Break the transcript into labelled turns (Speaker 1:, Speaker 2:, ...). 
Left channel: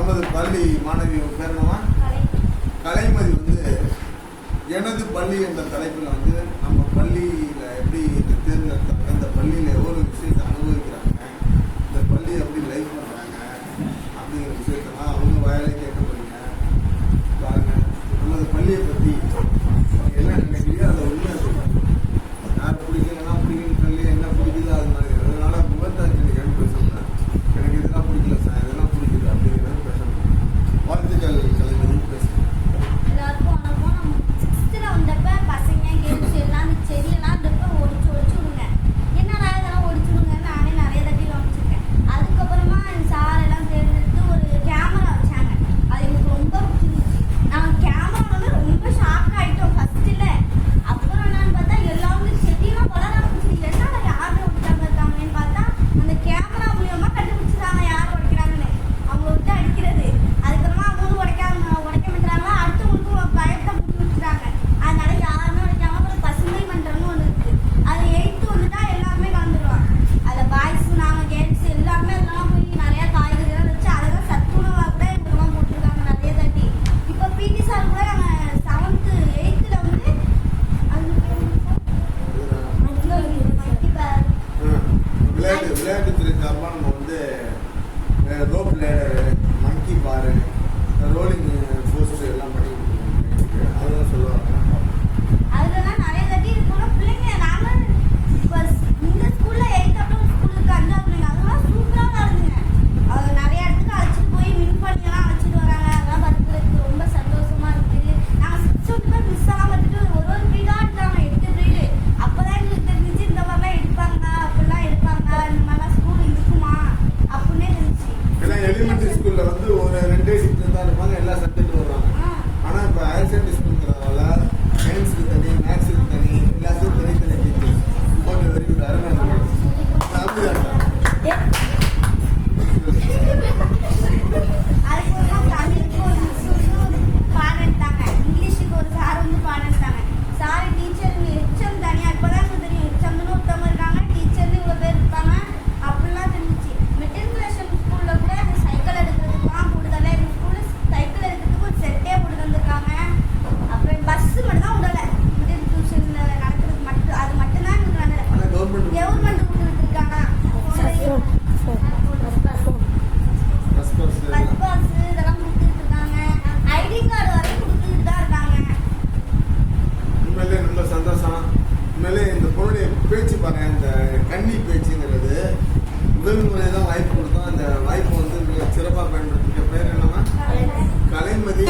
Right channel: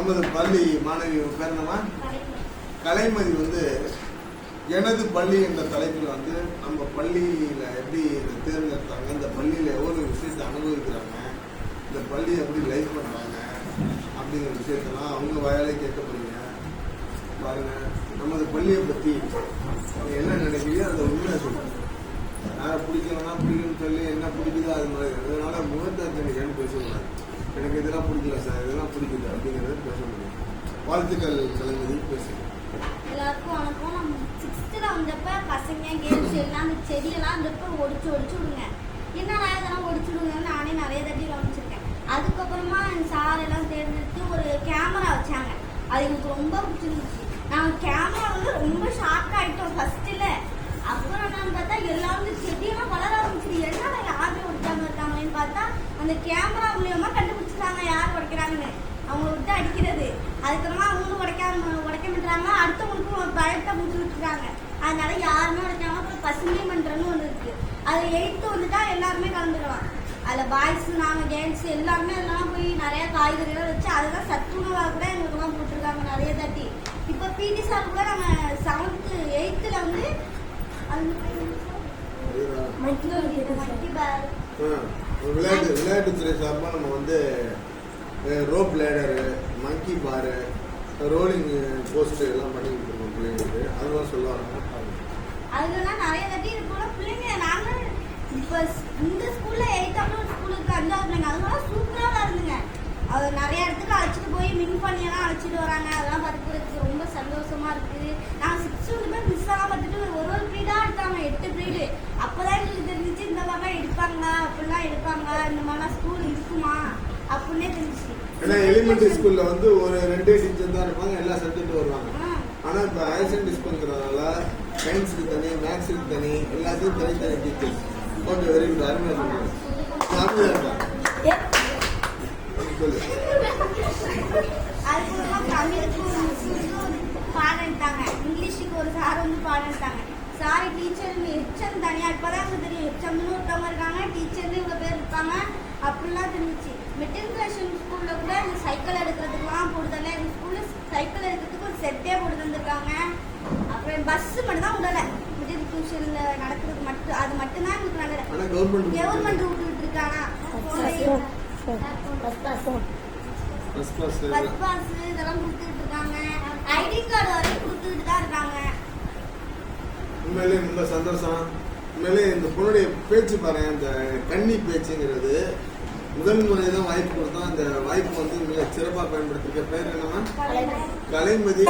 Speaker 1: நமது பள்ளி மாணவி பேரணமா கலைமதி வந்து எனது பள்ளி என்ற தலைப்பில் வந்து நம்ம பள்ளியில் எப்படி இதை தேர்ந்தெடுத்தாங்க இந்த பள்ளியில் எவ்வளோ விஷயத்தை அனுபவிக்கிறாங்க இந்த பள்ளியை எப்படி லைஃப் பண்ணுறாங்க அப்படிங்கிற விஷயத்தெல்லாம் அவங்க வயலை கேட்க போறீங்க. பாருங்கள் நமது பள்ளியை பற்றி என்ன நினைக்கிறீங்க அதை உண்மை எனக்கு இதெல்லாம் பிடிக்கல சார் இதெல்லாம் பிடிக்கல அப்படிங்கிறது பேசக்கூடாது வாழ்த்துக்கள் கலைஞரி பேசுங்க
Speaker 2: எல்லாருக்கும் வணக்கம். நம்ம சிக்ஸ்த்தில் வந்தப்ப பசங்க கேம்ஸ் எல்லாம் அந்த செடியெல்லாம் இருந்தப்ப ஒடிச்சு ஒடிச்சு விடுங்க. என்னடா இதெல்லாம் ஒடிச்சு விடுங்கன்னு நானே நிறைய தட்டி கவனிச்சிருக்கேன். அதுக்கப்புறமா என் சார் எல்லாம் தேர்ந்தெடுத்து ஒரு கேமரா வச்சாங்க. அது எனக்கு ரொம்ப பிடிச்சிருந்துச்சு. நாங்கள் கேமரா வந்து ரொம்ப ஷாக் ஆகிட்டோம் ஃபர்ஸ்ட்டில் அப்புறம் என்னன்னு பார்த்தா எல்லாம் வந்து செடியெல்லாம் வளர ஆரம்பிச்சிது. என்னடா யாருமே விட்டாம இருக்காங்களேன்னு பார்த்தா அந்த கேமரா
Speaker 1: விளையாட்டு விளையாட்டுத்துறை சார்பாக நம்ம வந்து ரோப் லேடரு மங்கி பாரு ரோலிங் போஸ்ட் எல்லாம் பண்ணி கொடுத்துருக்கோம். அதெல்லாம் சொல்லுவாங்க. எலிமெண்ட்ரி ஸ்கூல்ல வந்து ஒரு ரெண்டே டீச்சர் தான் இருப்பாங்க எல்லா சப்ஜெக்டும் வருவாங்க. ஆனா இப்போ ஹையர் செகண்டரி ஸ்கூலுங்கிறதால சயின்ஸுக்கு தனி மேக்ஸுக்கு தனி எல்லாத்துக்கும் தனித்தனி டீச்சர்ஸ் ஓகே வெரி குட் அருமையா சொன்னீங்க அப்படியா
Speaker 2: நடலை
Speaker 1: ஆனா கவர்மெண்ட்
Speaker 2: கவர்மெண்ட் விட்டுட்டு இருக்காங்க
Speaker 1: ஃபர்ஸ்ட் கிளாஸ்
Speaker 2: பஸ் பாஸ் இதெல்லாம் கொடுத்துட்டு இருக்காங்க ஐடி கார்டு வரை கொடுத்துட்டு தான் இருக்காங்க.
Speaker 1: உண்மையிலே ரொம்ப சந்தோஷம். உண்மையிலே இந்த பொண்ணுடைய பேச்சு பாருங்க இந்த கன்னி பேச்சுங்கிறது முதல் முறை தான் வாய்ப்பு கொடுத்தோம். அந்த வாய்ப்பு வந்து மிக சிறப்பாக பயன்படுத்திக்க பேர் என்னன்னா கலைமதி.